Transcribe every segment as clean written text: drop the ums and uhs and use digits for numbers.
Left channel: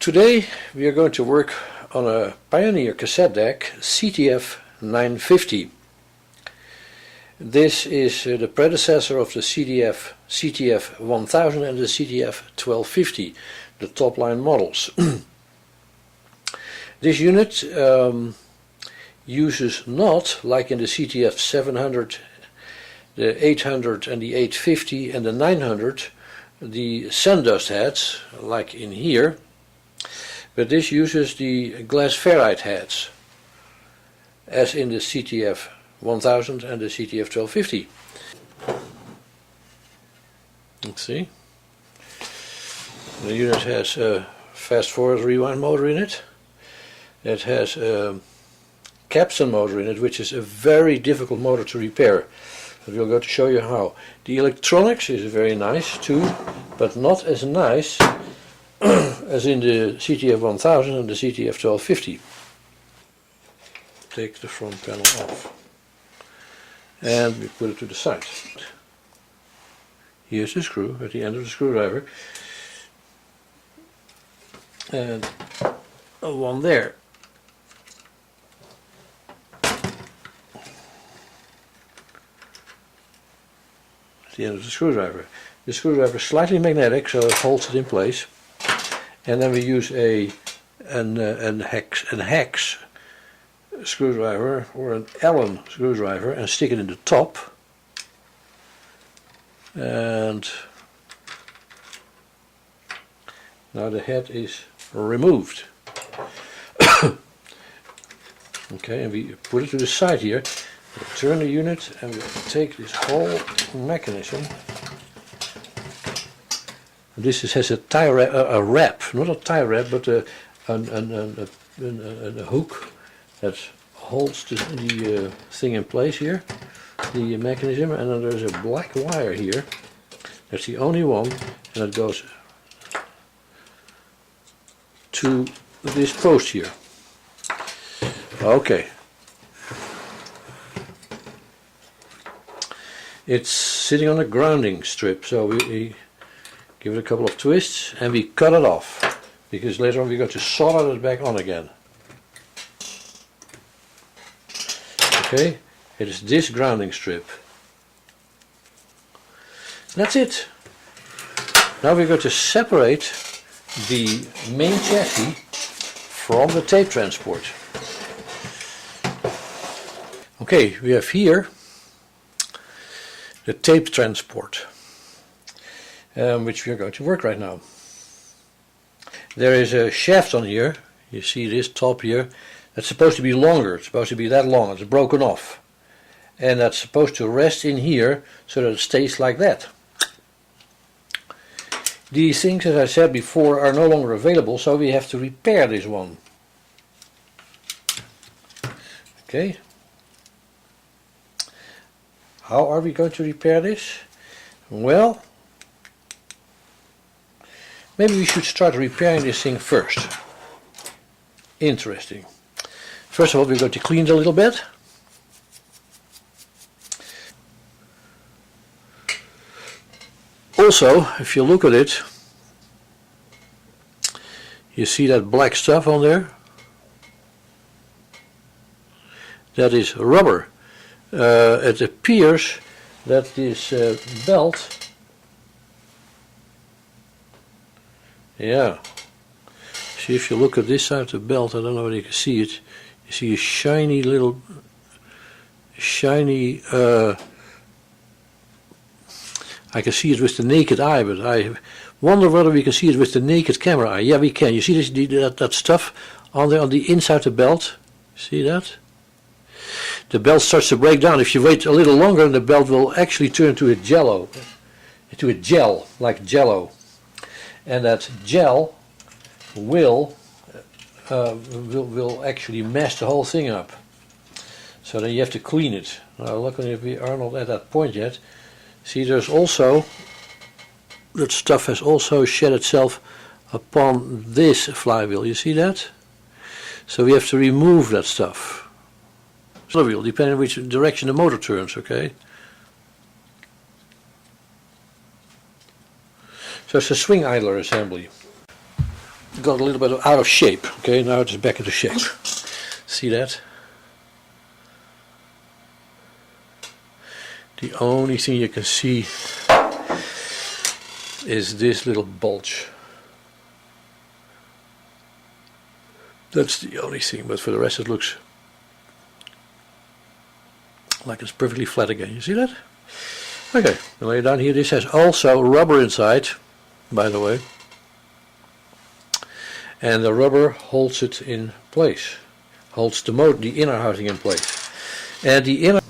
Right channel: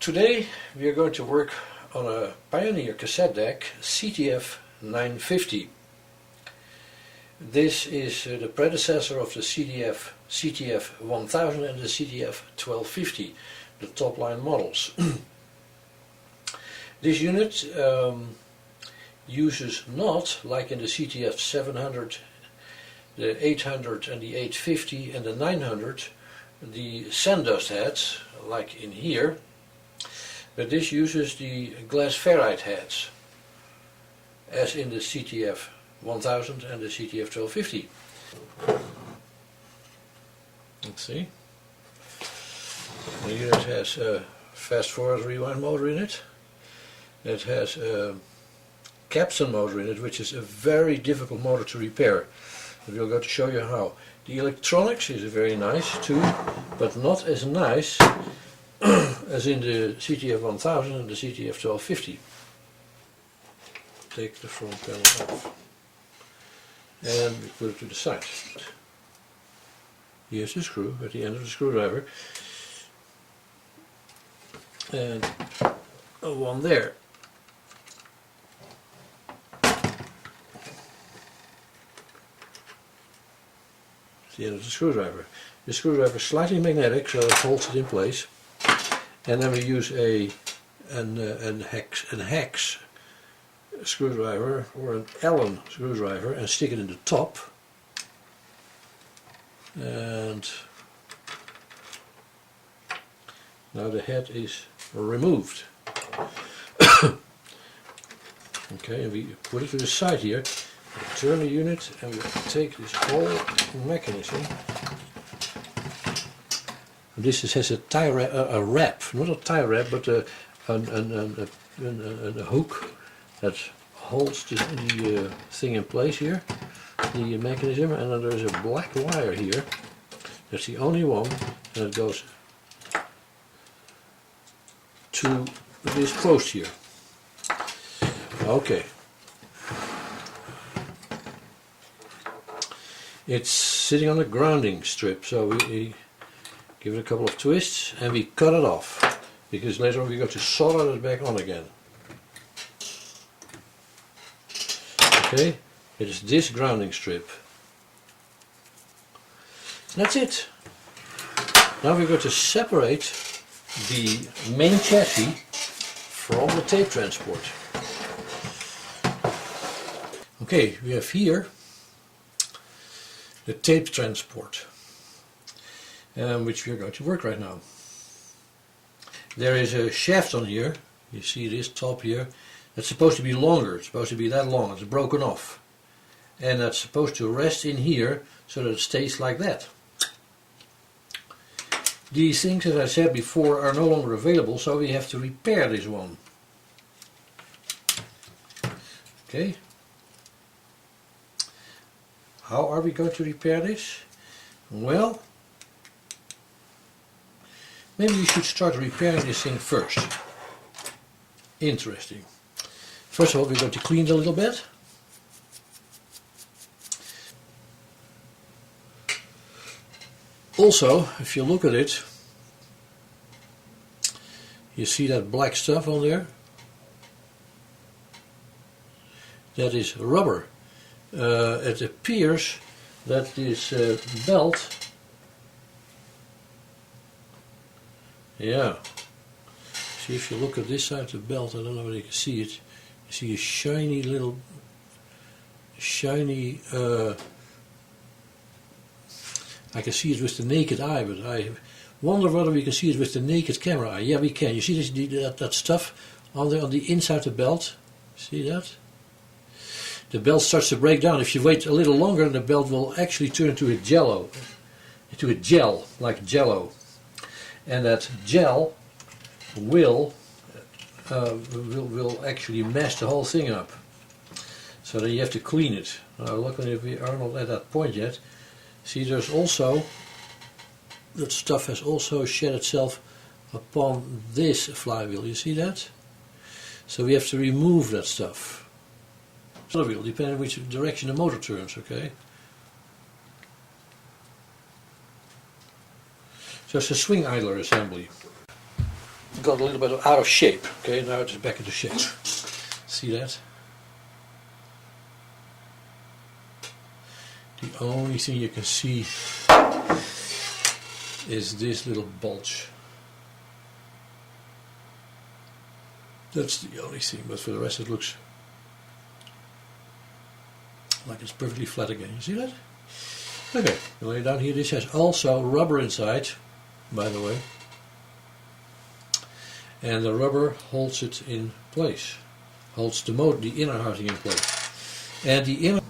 Today we are going to work on a Pioneer cassette deck CT-F900. This is the predecessor of the CT-F1000 and the CT-F1250, the top line models. This unit uses not, like in the CT-F700, the 800 and the 850 and the 900, the sandust heads, like in here, but this uses the glass ferrite heads, as in the CT-F1000 and the CT-F1250. Let's see. The unit has a fast forward rewind motor in it. It has a capstan motor in it, which is a very difficult motor to repair. But we're going to show you how. The electronics is very nice too, but not as nice as in the CT-F1000 and the CT-F1250. Take the front panel off and we put it to the side. Here's the screw at the end of the screwdriver and one there. At the end of the screwdriver. The screwdriver is slightly magnetic, so it holds it in place. And then we use a hex screwdriver or an Allen screwdriver and stick it in the top. And now the head is removed. Okay, and we put it to the side here. We turn the unit and we take this whole mechanism. This has a tie wrap, a wrap, not a tie wrap, but a hook that holds the thing in place here, the mechanism, and then there's a black wire here. That's the only one, and it goes to this post here. Okay. It's sitting on a grounding strip, so we give it a couple of twists and we cut it off, because later on we're going to solder it back on again. Okay, it is this grounding strip. That's it. Now we're going to separate the main chassis from the tape transport. Okay, we have here the tape transport, which we are going to work right now. There is a shaft on here, you see this top here, that's supposed to be longer, it's supposed to be that long, it's broken off. And that's supposed to rest in here so that it stays like that. These things, as I said before, are no longer available, so we have to repair this one. Okay. How are we going to repair this? Well, maybe we should start repairing this thing first. Interesting. First of all, we're going to clean it a little bit. Also, if you look at it, you see that black stuff on there? That is rubber. It appears that this belt, yeah, see, if you look at this side of the belt, I don't know whether you can see it, you see a shiny little, I can see it with the naked eye, but I wonder whether we can see it with the naked camera eye. Yeah, we can. You see this, that stuff on the inside of the belt? See that? The belt starts to break down. If you wait a little longer, the belt will actually turn into a gel, like jello. And that gel will actually mess the whole thing up. So then you have to clean it. Now luckily we are not at that point yet. See, there's also, that stuff has also shed itself upon this flywheel. You see that? So we have to remove that stuff. Flywheel, depending on which direction the motor turns, okay? So it's a swing idler assembly. got a little bit out of shape. Okay, now it's back into shape. See that? The only thing you can see is this little bulge. That's the only thing, but for the rest it looks like it's perfectly flat again. You see that? Okay, I'll lay it down here. This has also rubber inside, by the way. And the rubber holds it in place. Holds the inner housing in place. And the inner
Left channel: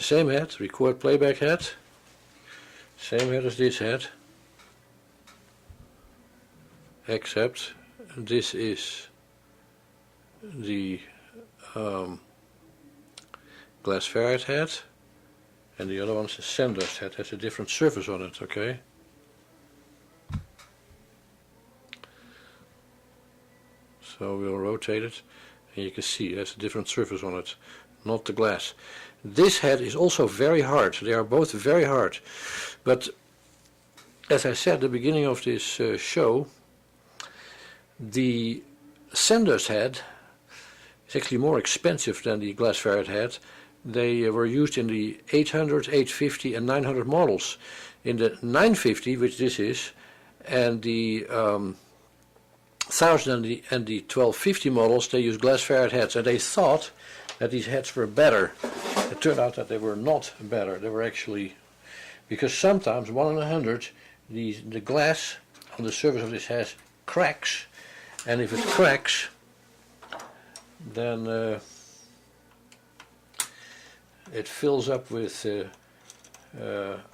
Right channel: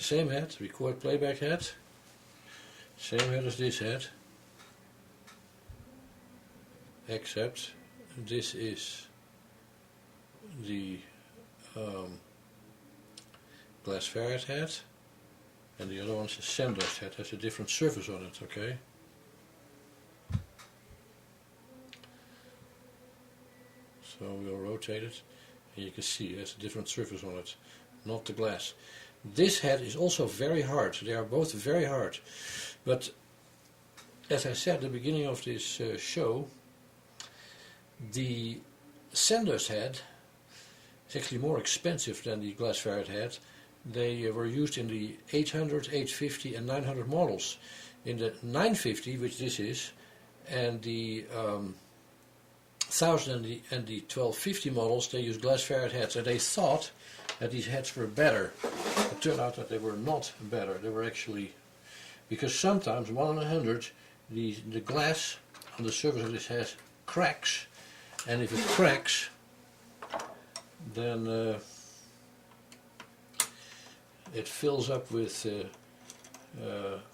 the same head, record playback head, same head as this head, except this is the glass ferrite head, and the other one's the sender's head, has a different surface on it, okay? So we'll rotate it, and you can see it has a different surface on it, not the glass. This head is also very hard, they are both very hard, but as I said at the beginning of this show, the sender's head is actually more expensive than the glass ferrite head. They were used in the 800, 850 and 900 models. In the 950, which this is, and the 1000 and the 1250 models, they used glass ferrite heads, and they thought that these heads were better. It turned out that they were not better. They were actually, because sometimes 1 in 100, the glass on the surface of this head cracks, and if it cracks, then it fills up with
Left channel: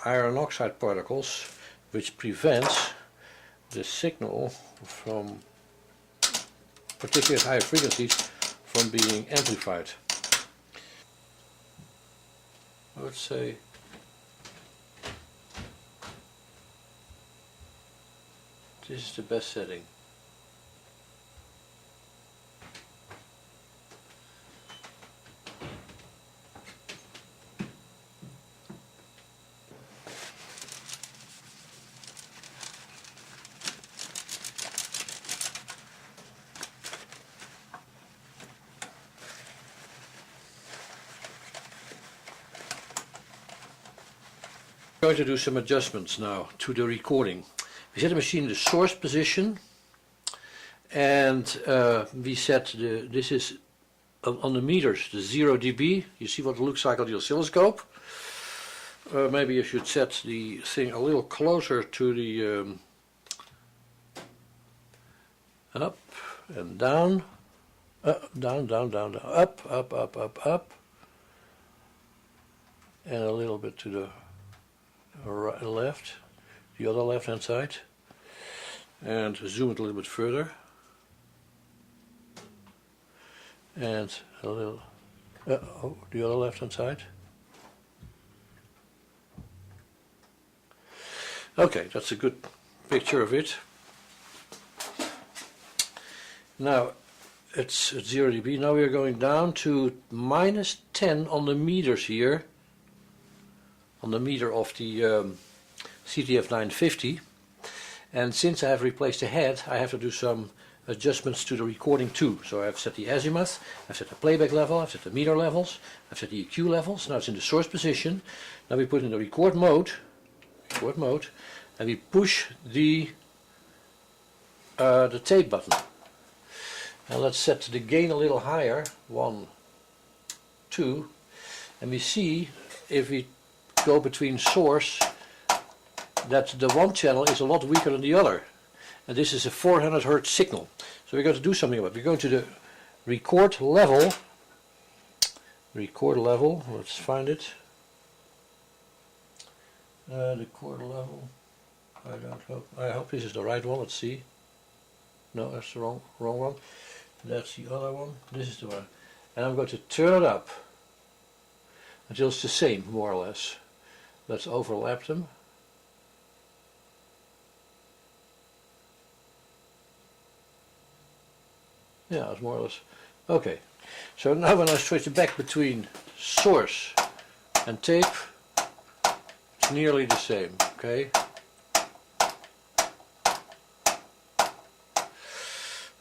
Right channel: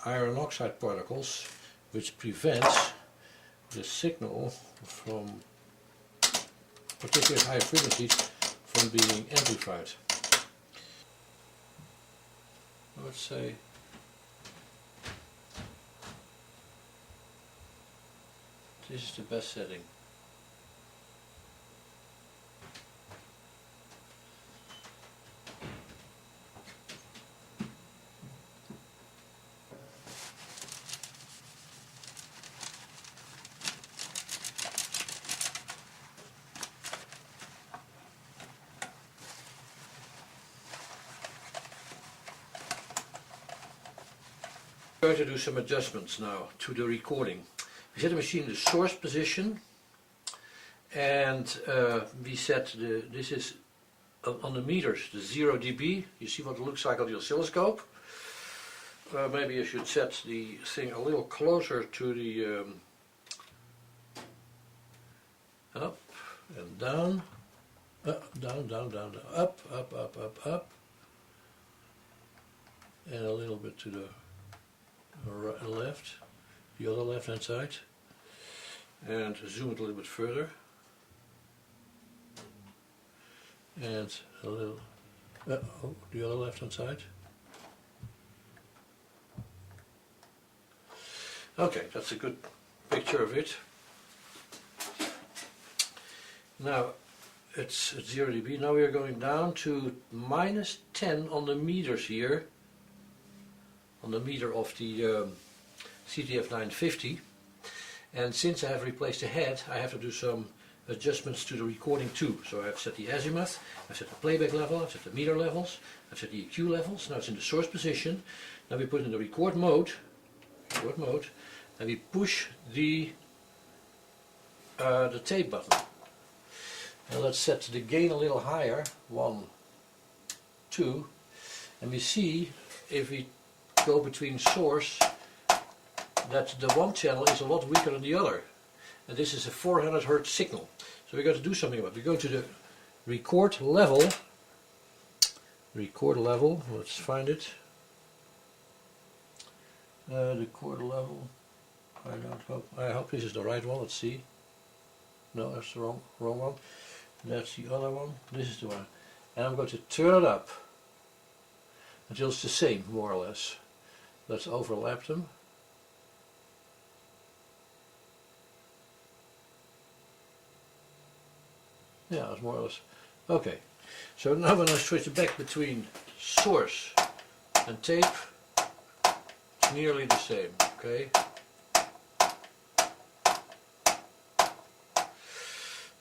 iron oxide particles, which prevents the signal from, particularly at high frequencies, from being amplified. Let's say this is the best setting. I'm going to do some adjustments now to the recording. We set the machine in the source position, and we set this is on the meters, the 0 dB. You see what it looks like on the oscilloscope. Maybe you should set the thing a little closer to the up and down, down, down, down, down, up, up, up, up, up, and a little bit to the right, left, the other left hand side, and zoom it a little bit further, and a little the other left hand side. Okay, that's a good picture of it. Now it's at 0 dB. Now we are going down to -10 on the meters here, on the meter of the CT-F900, and since I have replaced the head, I have to do some adjustments to the recording too. So I've set the azimuth, I've set the playback level, I've set the meter levels, I've set the EQ levels. Now it's in the source position. Now we put in the record mode, and we push the tape button. And let's set the gain a little higher, 1, 2, and we see if we go between source that the one channel is a lot weaker than the other, and this is a 400 Hz signal. So we're going to do something about it. We're going to the record level, let's find it, record level, I hope this is the right one. Let's see. No, that's the wrong one. That's the other one. This is the one, and I'm going to turn it up until it's the same, more or less. Let's overlap them. Yeah, it's more or less okay. So now when I switch it back between source and tape, it's nearly the same. Okay.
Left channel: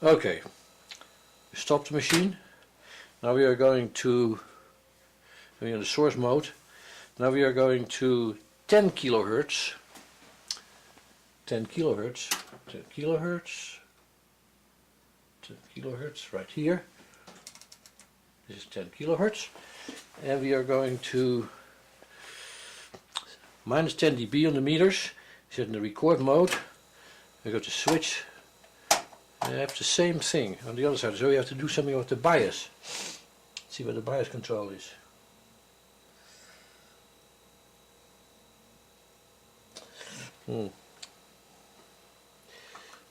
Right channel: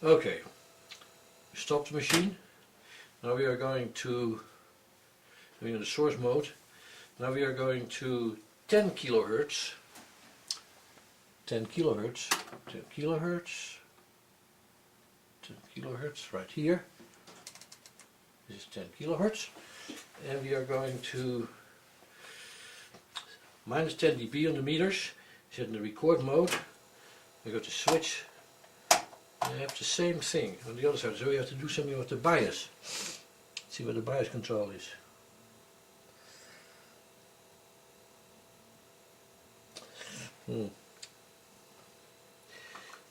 Okay. Stop the machine. Now we are going to, we're in the source mode. Now we are going to 10 kilohertz. 10 kilohertz. 10 kilohertz. 10 kilohertz right here. This is 10 kilohertz, and we are going to -10 dB on the meters. Set in the record mode. We go to switch. And I have the same thing on the other side. So we have to do something with the bias. Let's see where the bias control is.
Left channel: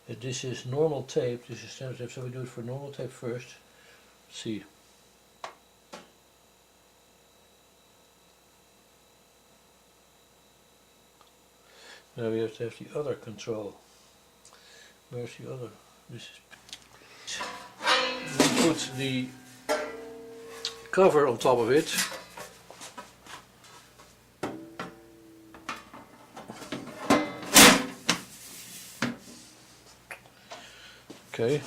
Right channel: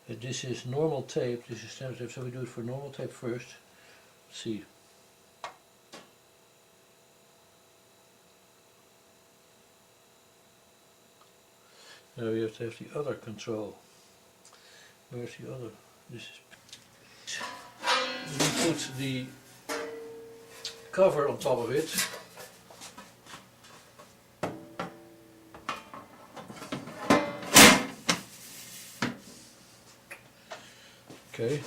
This is normal tape, this is standard tape, so we do it for normal tape first. Let's see. Now we have to have the other control. Where's the other? This is. We put the cover on top of it. Okay.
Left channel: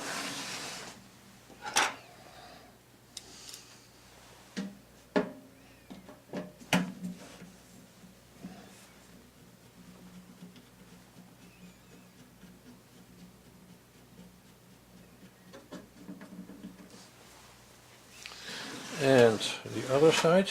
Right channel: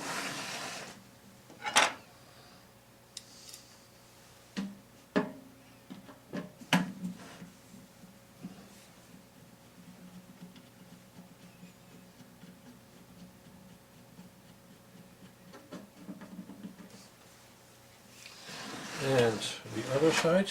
And the other side.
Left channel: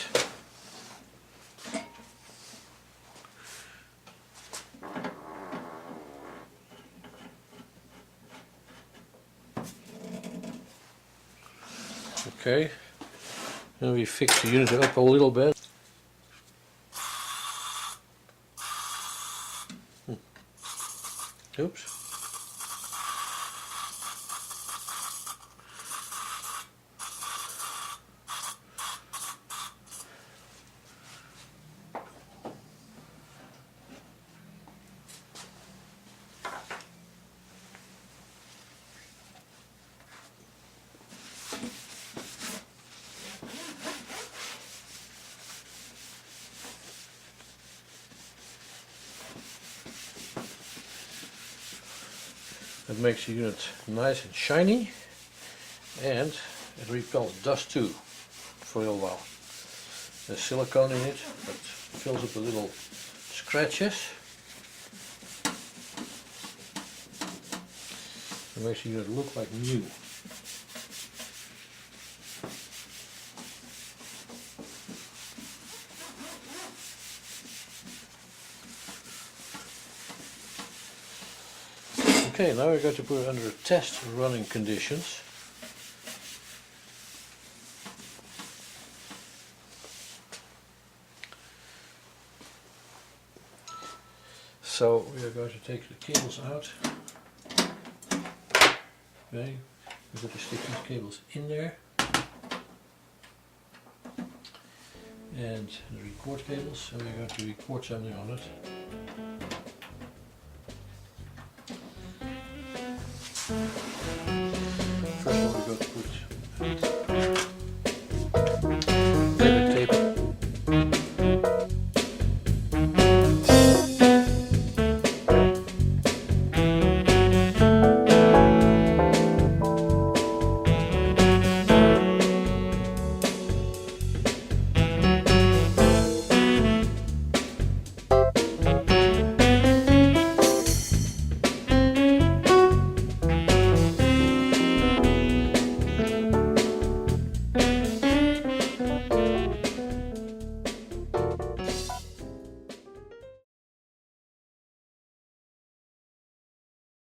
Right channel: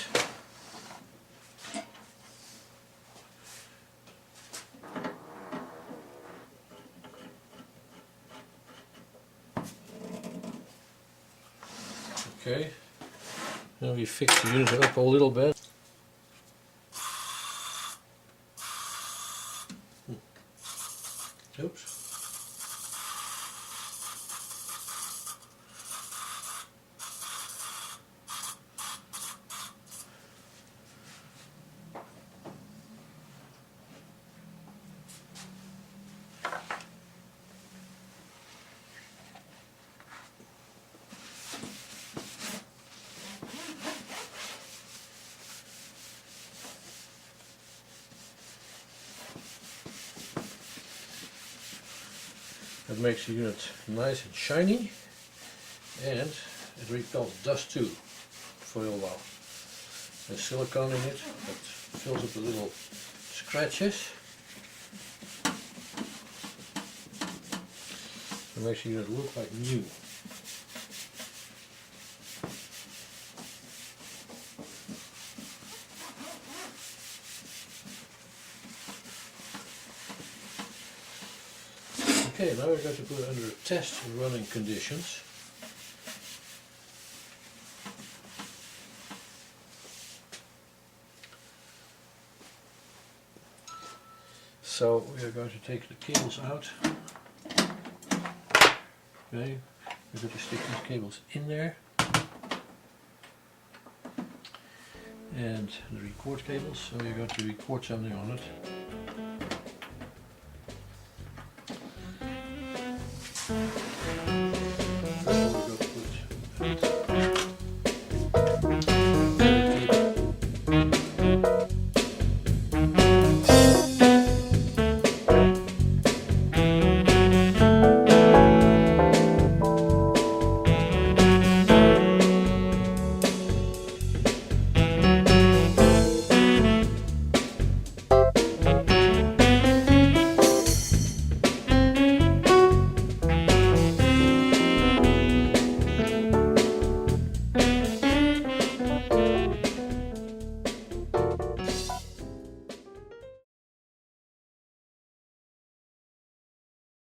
Okay, and we fix the unit up a little bit. Oops. It makes the unit nice and shiny, and it repels dust too for a little while. There's silicone in it that fills up the little scratches. It makes the unit look like new. Okay, now we're going to put it under test running conditions. So we are going to take the cables out. Okay, we're going to stick these cables in there. And the record cables, so we're going to record something on it.